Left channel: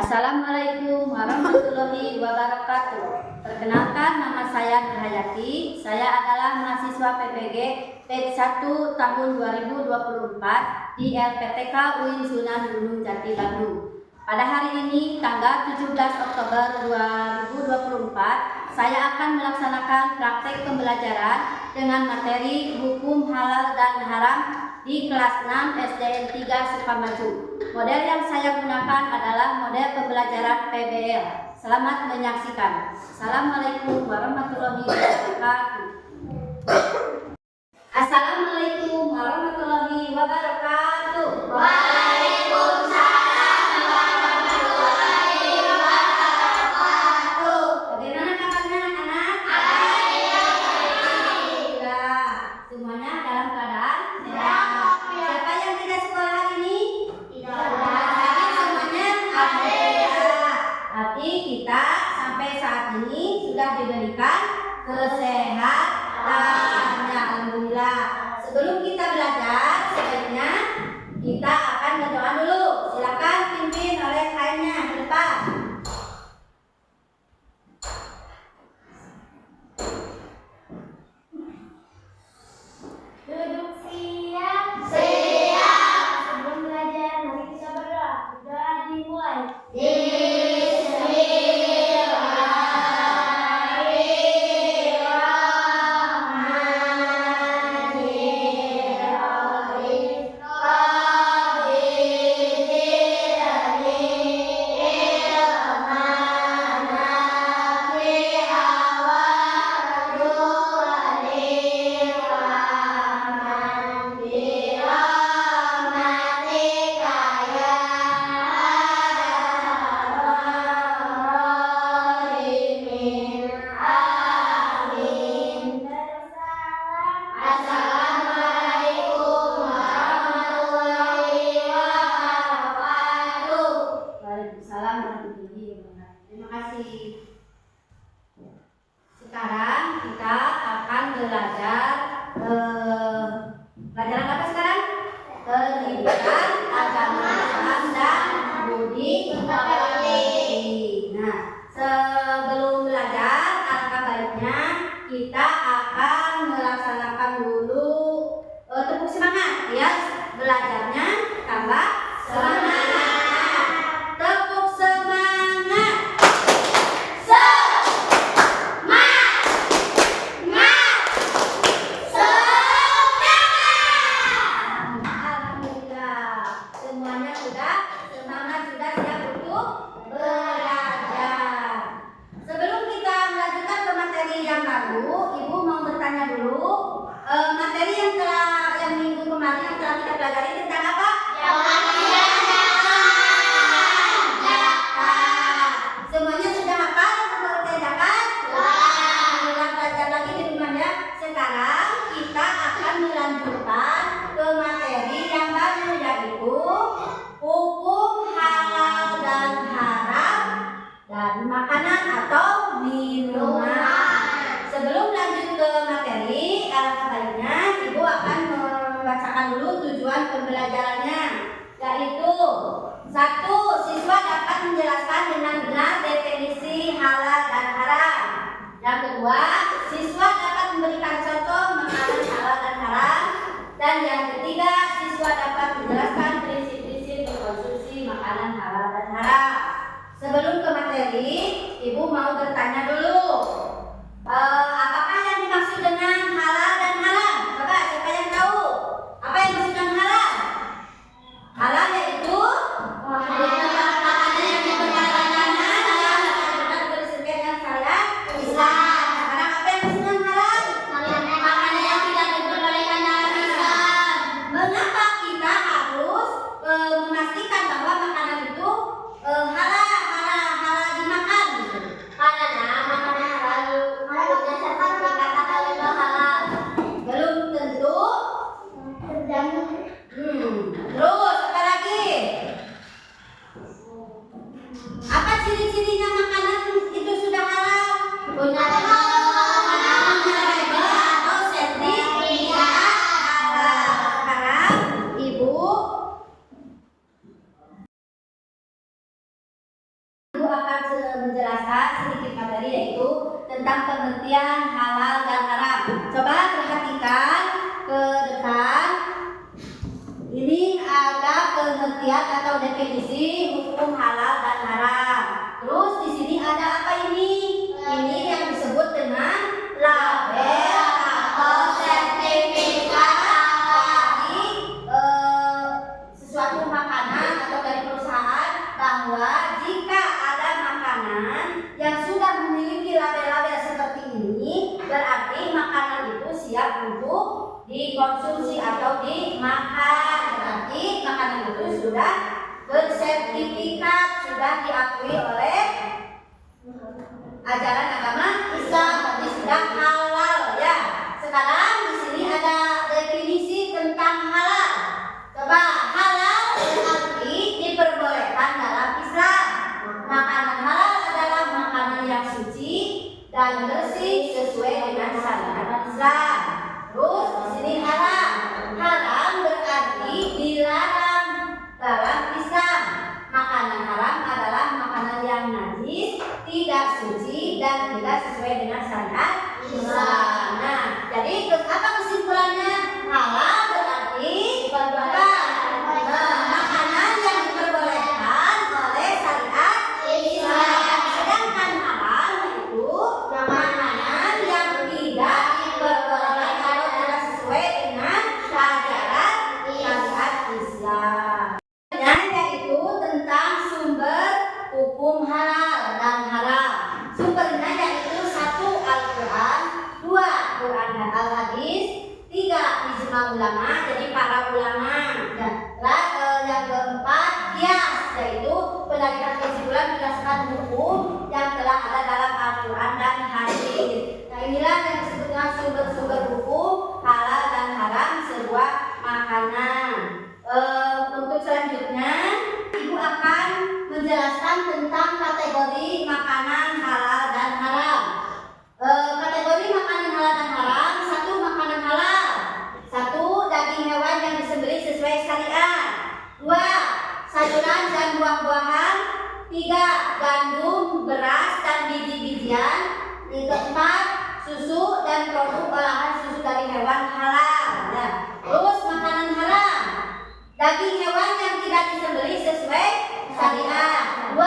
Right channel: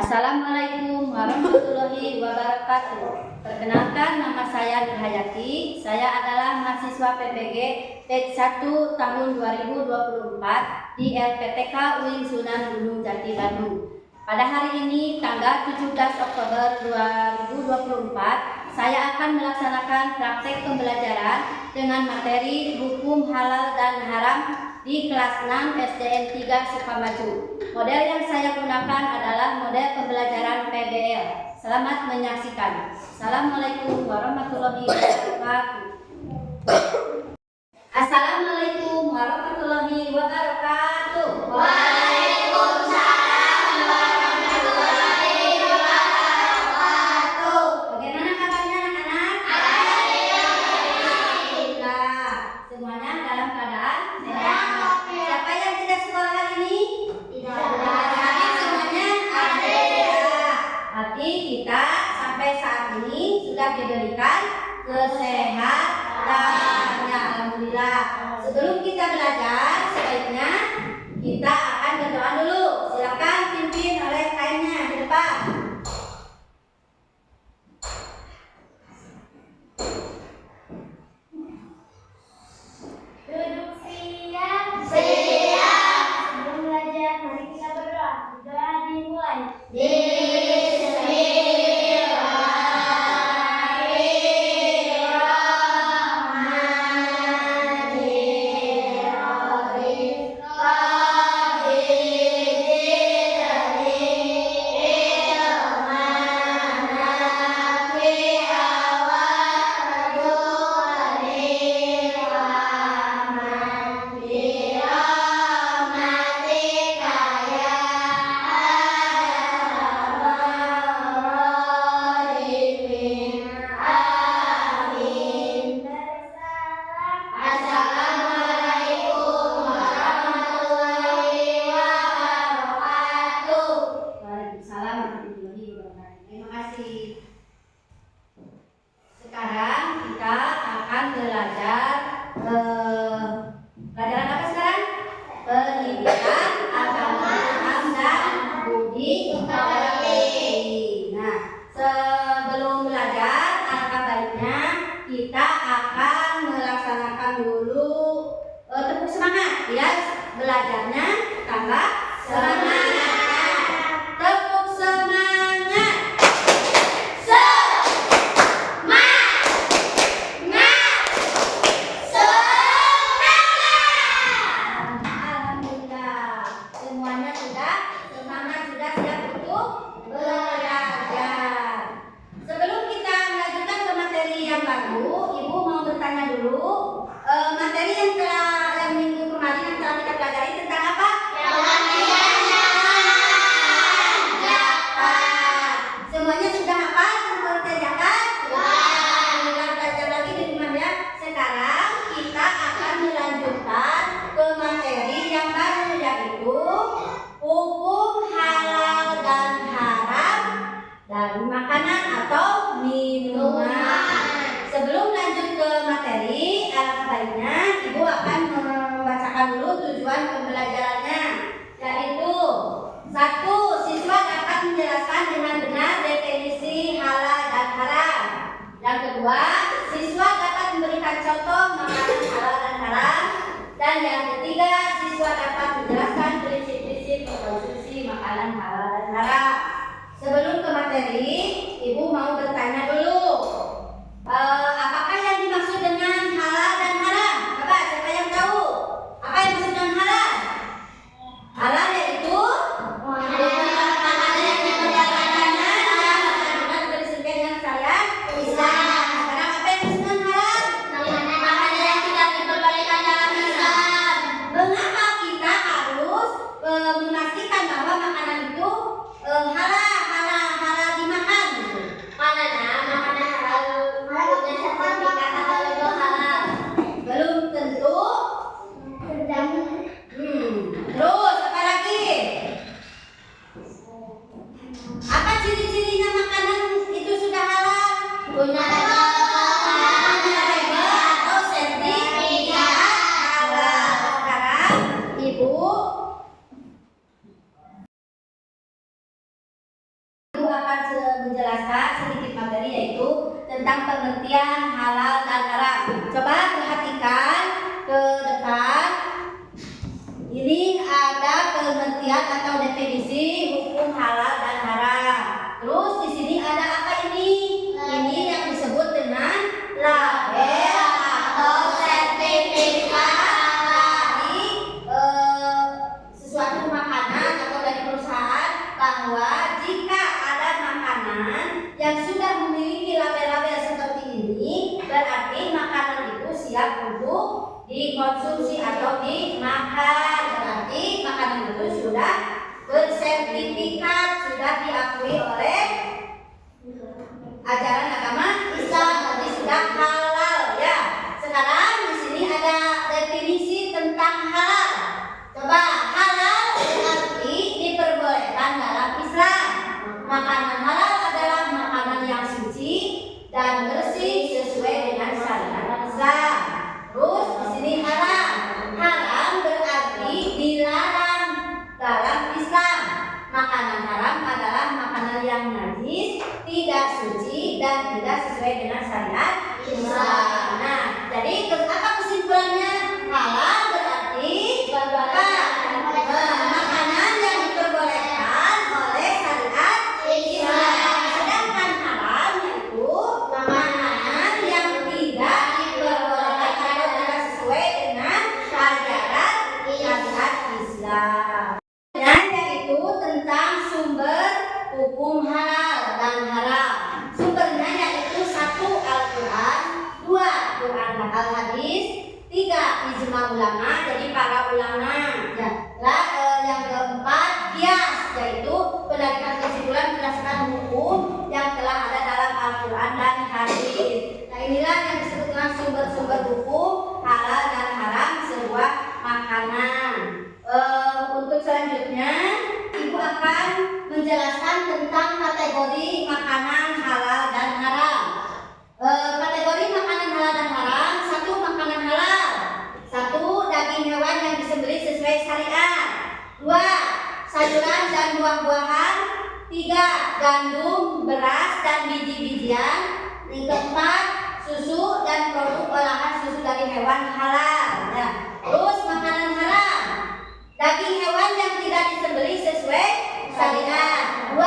Assalamualaikum warahmatullahi wabarakatuh. Perkenalkan, nama saya Nur Hayati. Saya adalah mahasiswa PPG batch 1 tahun 2024 di LPTK UIN Sunan Gunung Jati Bandung. Pada hari ini tanggal 17 Oktober 2024, saya akan melaksanakan praktek pembelajaran dengan materi hukum halal dan haram di kelas 6 SDN 3 Sukamaju. Model yang saya gunakan adalah model pembelajaran PBL. Selamat menyaksikan. Assalamualaikum warahmatullahi wabarakatuh. Assalamualaikum warahmatullahi wabarakatuh. Waalaikumsalam warahmatullahi wabarakatuh. Bagaimana kabarnya anak-anak? Alhamdulillah. Semuanya dalam keadaan sehat. Siapa yang tidak sekolah hari ini? Jadi semuanya ada. Berarti kita sampai saat ini sudah diberikan kesehatan. Alhamdulillah. Sebelum kita belajar, sebaiknya kita akan berdoa dulu. Silakan pimpin oleh kainnya di depan. Duduk siap. Siap. Sebelum belajar, mari kita berdoa. Doa dimulai. Assalamualaikum warahmatullahi wabarakatuh. Waalaikumsalam warahmatullahi wabarakatuh. Terima kasih. Sekarang kita akan belajar pelajaran apa sekarang? Pendidikan agama Islam dan budi pekerti. Nah, sebelum belajar, alangkah baiknya kita akan melaksanakan dulu tepuk semangat ya, belajarnya tambah semangat. Tepuk semangat. Alhamdulillah, semuanya sudah semangat, sudah siap untuk belajar. Sebelum kita melanjutkan ke materi yang baru, Ibu mau bertanya dulu, materi yang minggu kemarin yang telah kita pelajari tentang apa? Zakat. Semuanya sudah hafal tentang zakat? Kita belajar lagi di rumah ya. Sekarang kita akan melanjutkan ke materi yang baru, yaitu hukum halal dan haram dari makanan atau minuman. Sebelum lanjut ke materi, baiknya Ibu akan membacakan dulu tujuan pembelajarannya, yaitu 1. Siswa dapat menjelaskan dengan benar definisi halal dan haram. Yang kedua, siswa dapat memberikan contoh makanan halal dan haram. Dan yang ketiga, siswa dapat menjelaskan prinsip-prinsip mengkonsumsi makanan halal dan haram. Sebelum ke materi, Ibu mau bertanya dulu, apakah yang dimaksud dengan halal dan haram? Coba siapa yang tahu? Apa yang dimaksud dengan halal? Halal yaitu makanan yang diperbolehkan dengan bersesuaian dengan syariat Islam. Sekarang apa yang dimaksud dengan halal? Makanan yang tidak diperbolehkan dalam Islam. Mengapa kita harus memastikan bahwa makanan itu halal dimakan? Karena makanan halal punya sertifikat atau itu halal. Belum tentu. Terus apa lagi? Apa ciri-cirinya makanan itu sudah halal? Punya label atau sertifikat halal. Sekarang Ibu menjelaskan sedikit materi yaitu tentang pengertian halal dan haram. Coba perhatikan ke depan. Ini ada pengertian atau definisi hukum halal dan haram. Terus di sini ada apa ini? Ini yang disebut dengan label atau sertifikat dari sesuatu makanan atau dari perusahaan, bahwa jika ada makanan yang sudah memiliki label-label seperti ini, berarti makanan itu siap untuk dikonsumsi atau dimakan. Berarti makanan itu sudah bersertifikat, sudah diakui oleh ajaran agama Islam, berarti sudah halal ya. Sekarang di sini ada definisi tentang halal. Coba, halal berarti diperbolehkan dalam Islam. Makanan halal adalah makanan yang suci dan bersih sesuai dengan syariat Islam. Terus di sini haram. Haram berarti dilarang dalam Islam. Makanan haram adalah makanan yang najis, tidak suci dan tidak sesuai dengan syariat Islam. Nah, jadi apa kesimpulannya? Halal berarti makanan yang diperbolehkan oleh syariat Islam. Sedangkan haram itu makanan yang tidak diperbolehkan atau tidak sesuai dengan ajaran syariat Islam. Yaitu tentang sumber hukum halal dan haram. Sumbernya yaitu 1. Al-Quran, 2. Quran dan Al-Hadis, 3. Ijma ulama, jadi para ulama. Yang keempat, qiyas, yaitu penarikan kesimpulan berdasarkan hukum yang telah ada dalam Al-Quran dan Hadis. Nah, inilah yang disebut dengan sumber-sumber hukum halal dan haram sebuah makanan. Untuk selanjutnya, Ibu akan menjelaskan tentang kategori makanan halal dan haram. Kategori makanan halal dan haram: 1. Makanan halal. 1. Daging hewan yang disembelih sesuai syariat. 2. Sayuran dan buah-buahan. 3. Gandum, beras dan biji-bijian. Yang keempat, susu dan produk olahan susu dari hewan halal. Ya. Terus makanan haram: daging hewan yang tidak disembelih sesuai syariat. 2.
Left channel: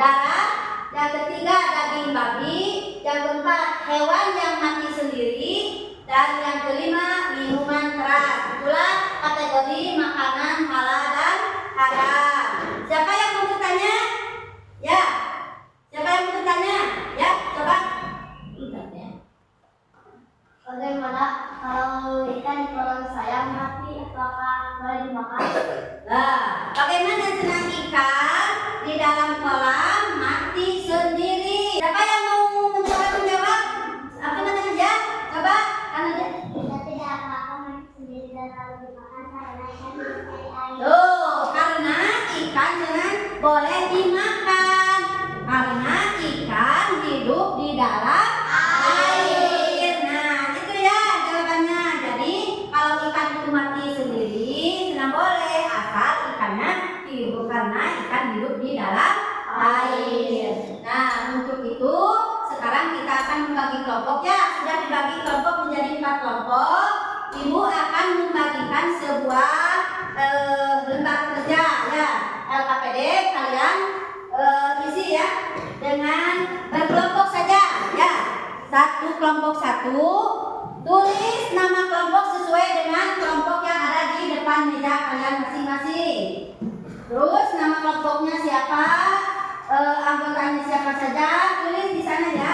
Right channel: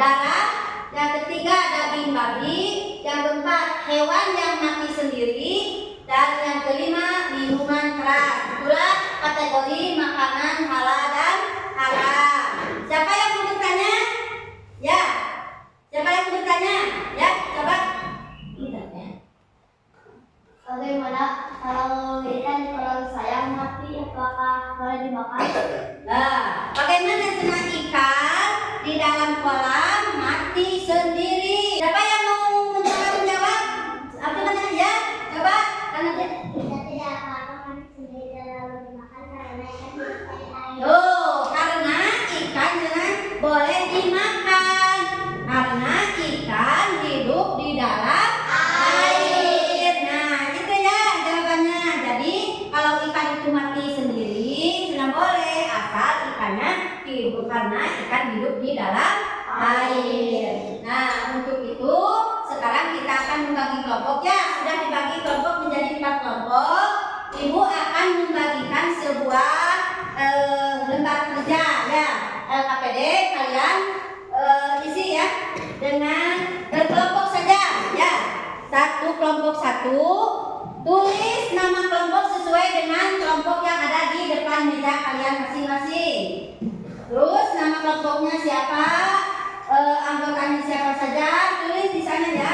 Darah. Yang ketiga, daging babi. Yang keempat, hewan yang mati sendiri. Dan yang kelima, minuman keras. Itulah kategori makanan halal dan haram. Siapa yang mau bertanya? Ya. Siapa yang mau bertanya? Ya, coba. Bagaimana kalau ikan kalau saya mati, apakah boleh dimakan? Nah, bagaimana senang ikan di dalam kolam mati sendiri? Siapa yang mau menjawab? Apa namanya ya? Coba, karena dia. Kita tidak apa-apa mati sendiri dan lalu dimakan karena ikan hidup dari air. Tuh, karena ikan jangan boleh dimakan. Karena ikan hidup di dalam air. Nah, itu ya jawabannya. Jadi, kalau ikan itu mati sendiri, tidak boleh, asal ikannya hidup, karena ikan hidup di dalam air. Nah, untuk itu sekarang kita akan membagi kelompok ya. Sudah dibagi kelompok menjadi 4 kelompok. Ibu akan membagikan sebuah lembar kerja ya. LKPD kalian isi ya dengan berkelompok saja ya. Kelompok 1, tulis nama kelompok sesuai dengan kelompok yang ada di depan meja kalian masing-masing. Terus nama kelompoknya siapa, anggotanya siapa saja, tulis di sana ya.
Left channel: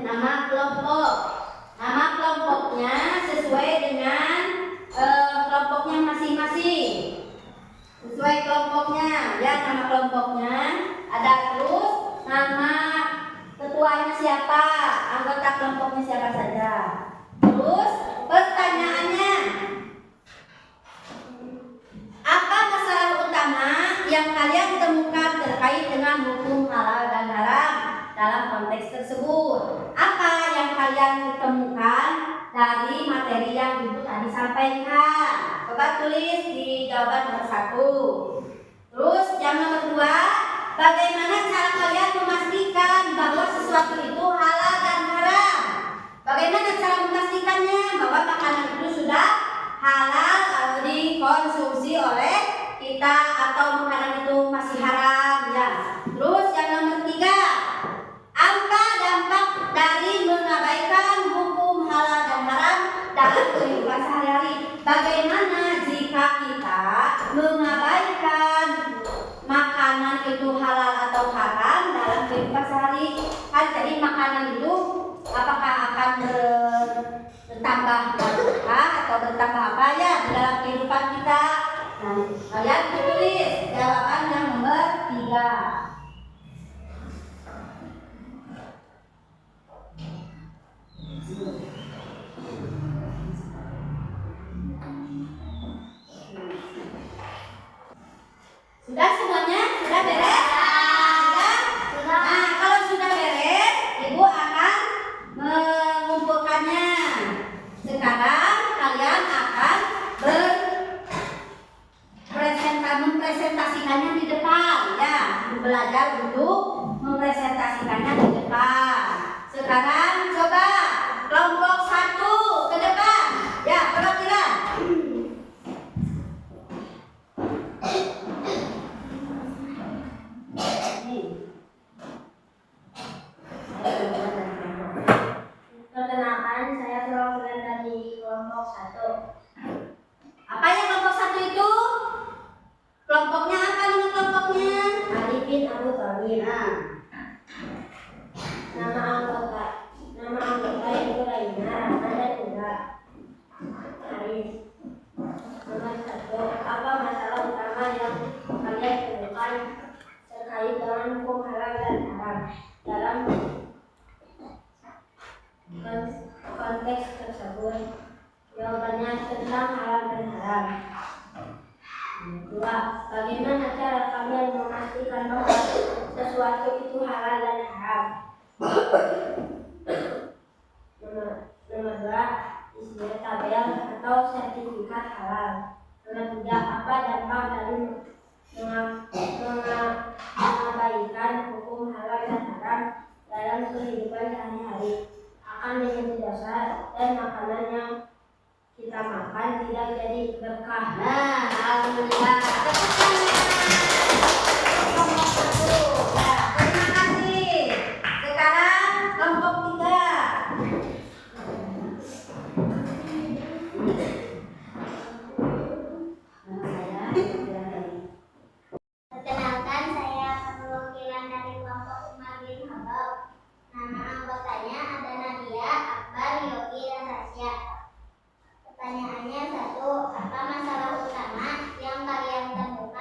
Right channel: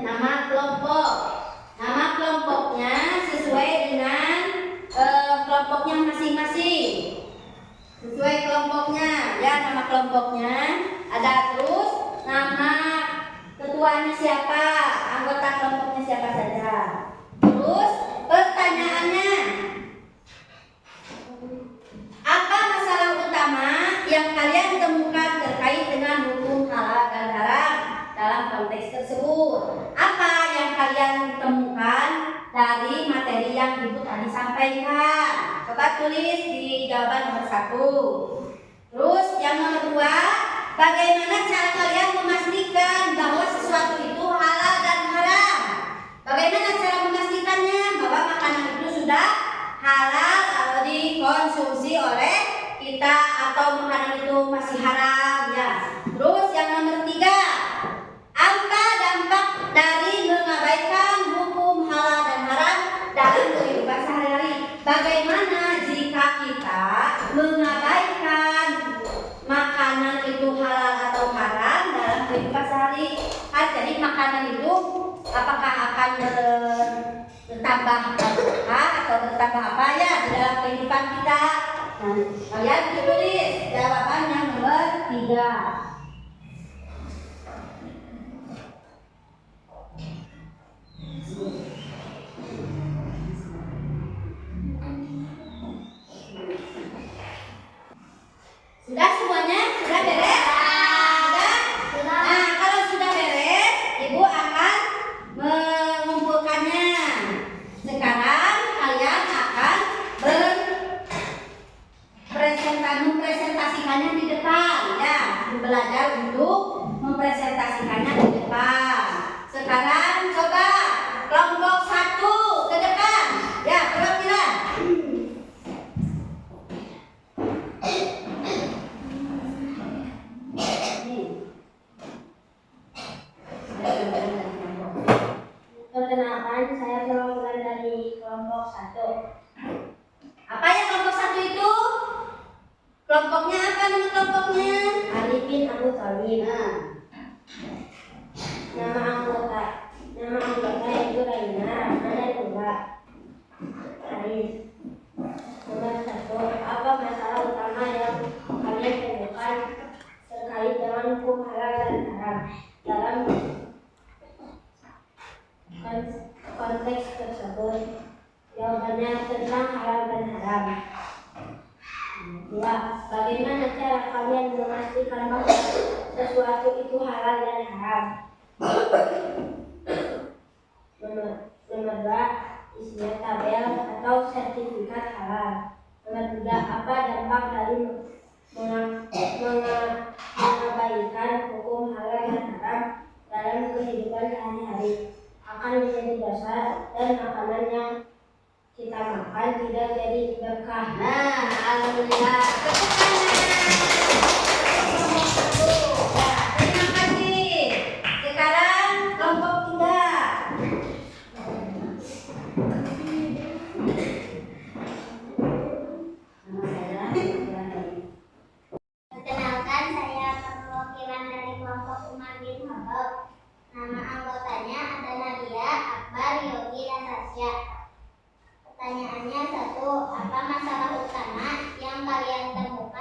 Nama kelompok. Nama kelompoknya sesuai dengan kelompoknya masing-masing. Sesuai kelompoknya ya, nama kelompoknya ada. Terus nama ketuanya siapa, anggota kelompoknya siapa saja. Terus pertanyaannya, apa masalah utama yang kalian temukan terkait dengan hukum halal dan haram dalam dalam konteks tersebut. Apa yang kalian temukan dari materi yang Ibu tadi sampaikan? Coba tulis di jawaban nomor 1. Terus yang nomor 2, bagaimana cara kalian memastikan bahwa sesuatu itu halal dan haram? Bagaimana cara memastikannya bahwa makanan itu sudah halal dikonsumsi oleh kita atau makanan itu masih haram ya. Terus yang nomor 3, apa dampak dari mengabaikan hukum halal dan haram dalam kehidupan sehari-hari? Bagaimana jika kita mengabaikan makanan itu halal atau haram dalam kehidupan sehari-hari? Jadi makanan itu apakah akan bertambah berkah atau bertambah apa ya di dalam kehidupan kita? Nah, kalian tulis jawaban yang nomor 3. Sudah semuanya? Sudah beres? Sudah? Nah, kalau sudah beres, Ibu akan mengumpulkannya. Sekarang kalian akan mempresentasikannya di depan ya. Belajar untuk mempresentasikannya di depan. Sekarang coba kelompok 1 ke depan. Ya, perhatikan. Perkenalkan, saya perwakilan dari kelompok 1. Apa ya kelompok 1 itu? Kelompoknya apa nama kelompoknya? Arifin Abu Talib. Nah, Nama anggota yaitu Raina, Rahman, dan Ula. Arif. Nomor 1. Apa masalah utama yang kalian temukan terkait dengan hukum halal dan haram dalam konteks tersebut? Jawabannya tentang halal dan haram. 2. Bagaimana cara kalian memastikan bahwa sesuatu itu halal dan haram? Nomor 2. Isinya tabel atau sertifikat halal. Nomor 3. Apa dampak dari mengabaikan hukum halal dan haram dalam kehidupan sehari-hari? Akan menjadi dosa dan makanan yang kita makan tidak jadi berkah. nah, alhamdulillah. Tepuk tangan. Kelompok 1. Ya, terima kasih. Sekarang kelompok 3. Perkenalkan, saya perwakilan dari kelompok Umar bin Khattab. Nama anggotanya ada Nadia, Akbar, Yogi, dan Tasya. Pertanyaannya 1. Apa masalah utama yang kalian temukan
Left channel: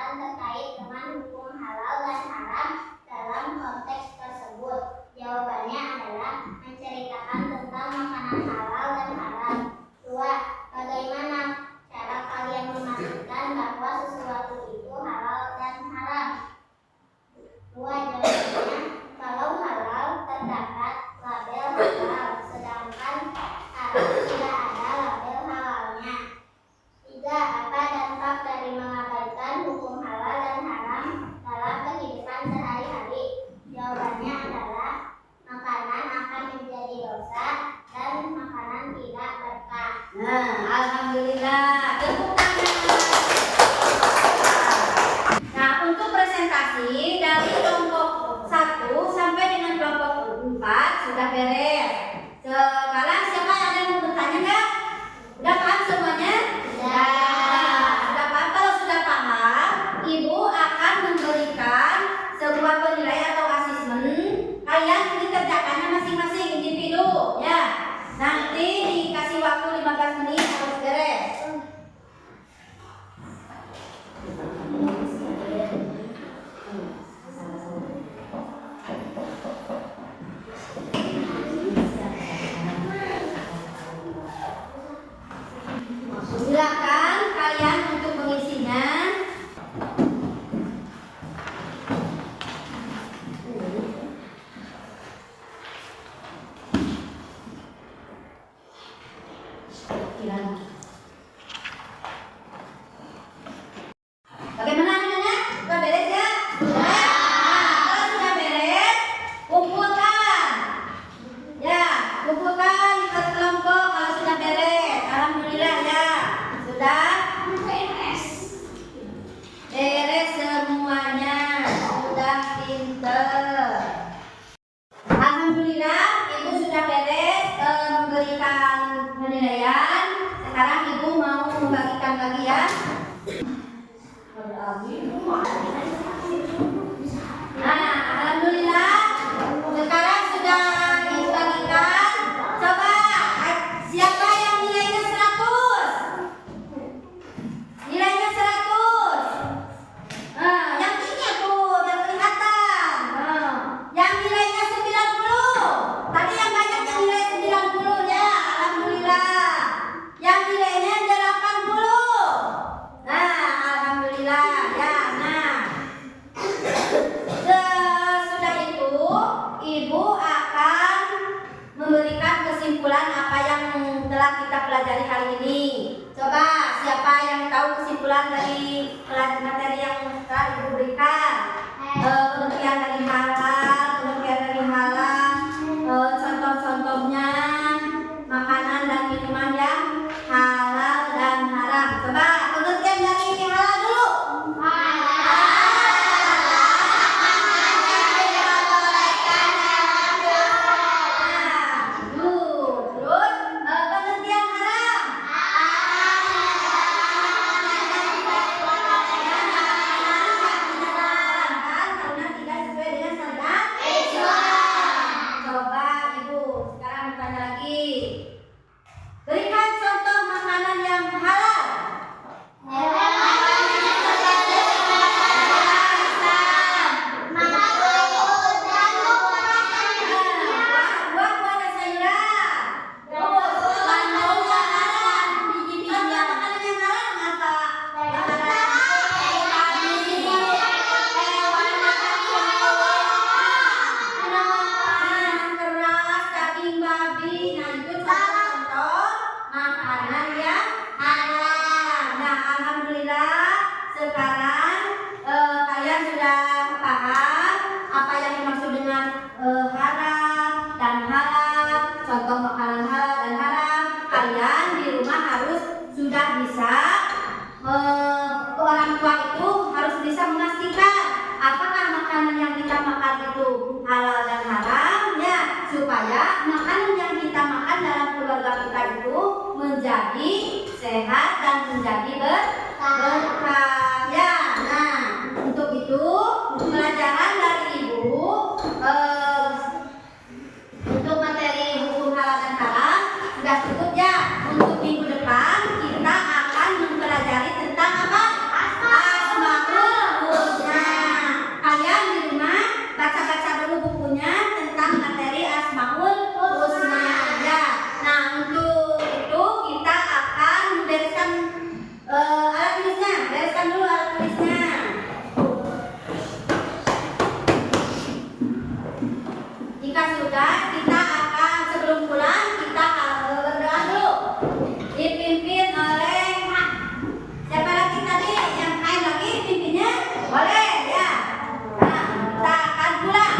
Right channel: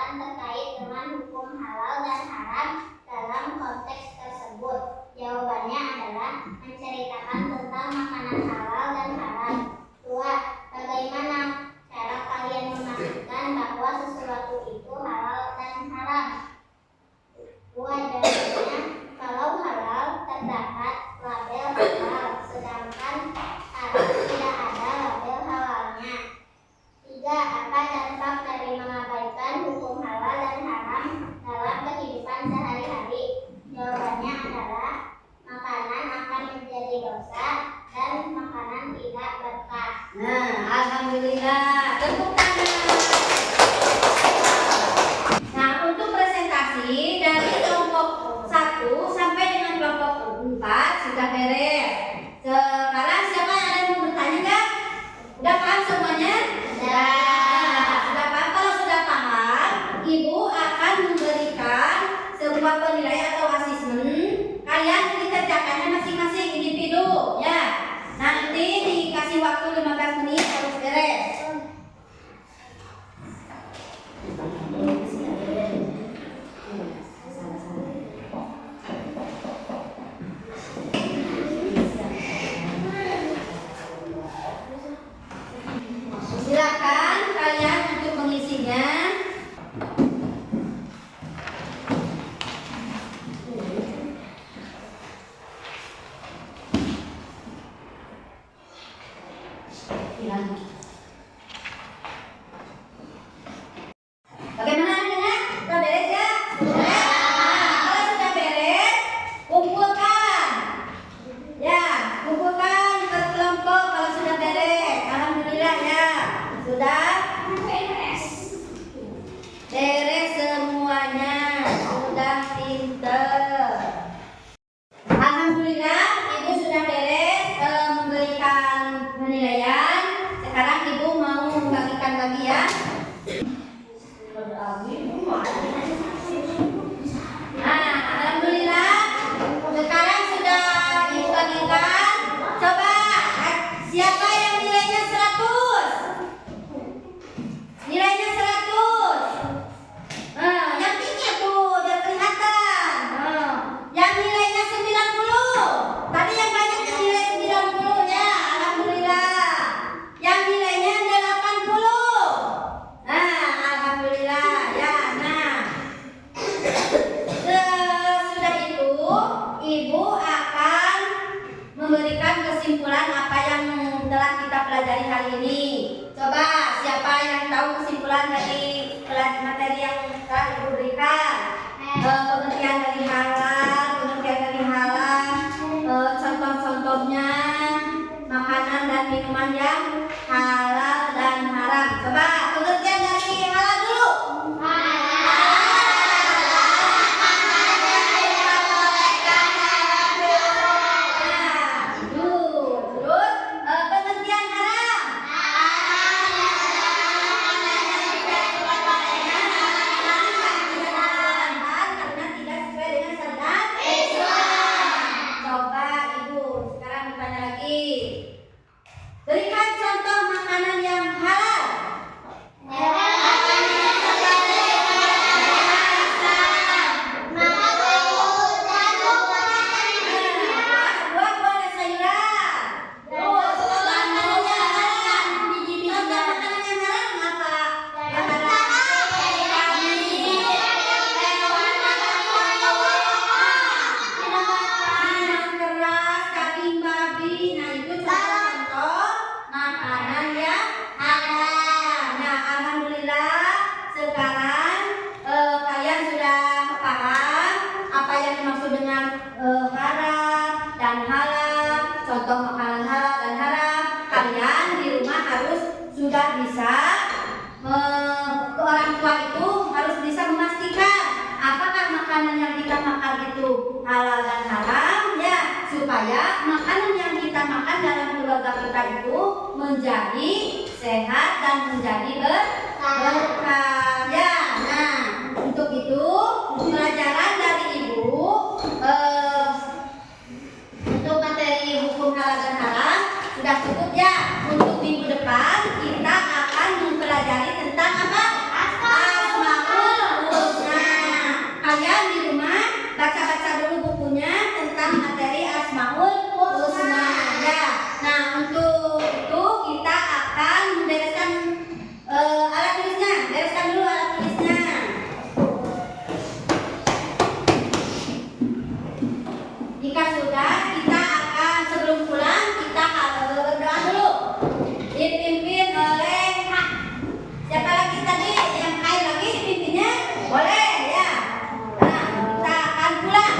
sekarang ibu mau membagikan lagi ya. Nah, alhamdulillah sekarang sudah ibu bagikan. Coba siapa yang nilainya 100? Nilainya 100. Yang tinggi tuh, yang kelihatan. Yang nilainya 90. Tadi yang banyak yang nilai 90 ya, alhamdulillah. Yang nilainya 80. Nah, alhamdulillah ya. Nah, sesudah itu ibu akan memberikan kesimpulan apa yang telah kita pelajari hari ini. Coba siapa yang tahu kesimpulan dari materi yang telah ibu berikan? Pengertian dari halal, contoh-contohnya makanan dan minuman yang halal dan haram. Coba pengertian dari halal dulu. Terus pengertian haram. Karena tidak sesuai dengan syariat Islam. Coba ibu sekarang bertanya lagi. Berikan contoh makanan yang halal. Buah-buah dan sayuran. Makanan yang halal. Contoh makanan yang halal apa? Yang halal. Minuman keras, daging babi. Nah, itu contoh-contoh makanan yang halal. Nah, alhamdulillah sekarang kalian sudah paham apa yang dimaksud dengan haram dan halal, contoh makanan halal dan haram. Kalian di rumah harus sudah bisa ke orang tua itu harus bisa memastikan apakah makanan yang kita makan itu halal dan haram ya, supaya makanan yang kita makan dalam keluarga kita itu menjadi sehat dan menjadi berkah ya. Nah, untuk itu pelajaran dari ibu untuk materi hukum halal dan haram sudah cukup ya. Untuk minggu depan kita akan mempelajari tentang apa? Asmaul Husna. Kalian di rumah baca-baca dulu bukunya tentang materi Asmaul Husna ya. Nah, untuk itu kita akan membereskan alat tulisnya. Bereskan dulu alat tulisnya. Jika sudah, kita akan sebelum pulang kita berdoa dulu. Dipimpin oleh siapa lagi tadi? Yang main lagi pimpinnya? Boleh ya. Nah, kita akan pulang.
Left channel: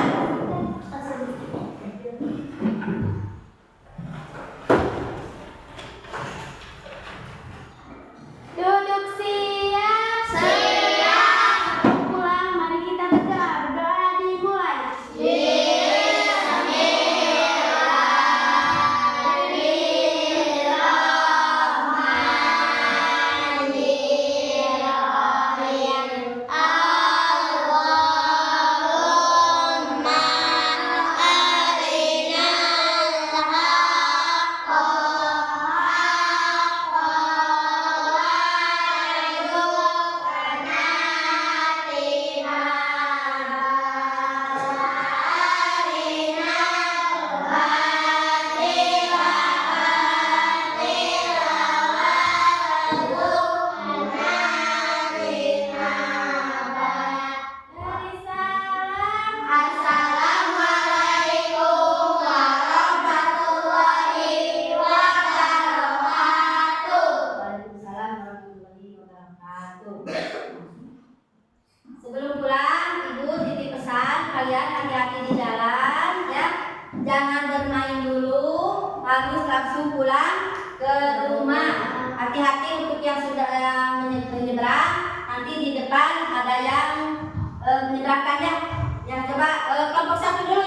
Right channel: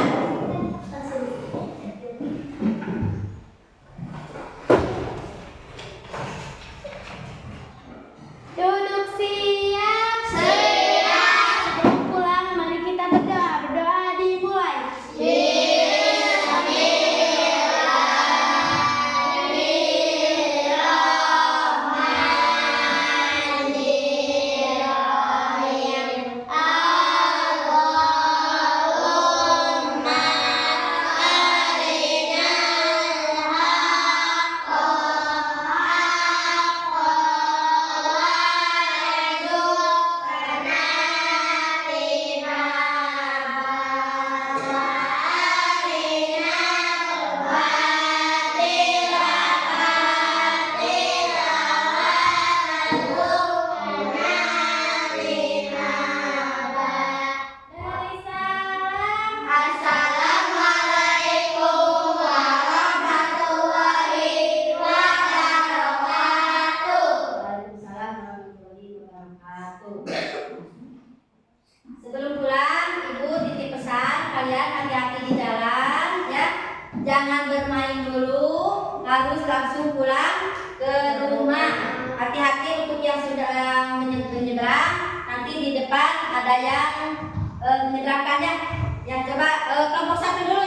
Duduk siap. Sebelum pulang, mari kita berdoa. Berdoa dimulai. Sebelum pulang, ibu titip pesan kalian hati-hati di jalan ya. Jangan bermain dulu, harus langsung pulang ke rumah. Hati-hati untuk yang sudah menyeberang. Nanti di depan ada yang menyeberangkannya. Ya, coba kelompok 1 dulu.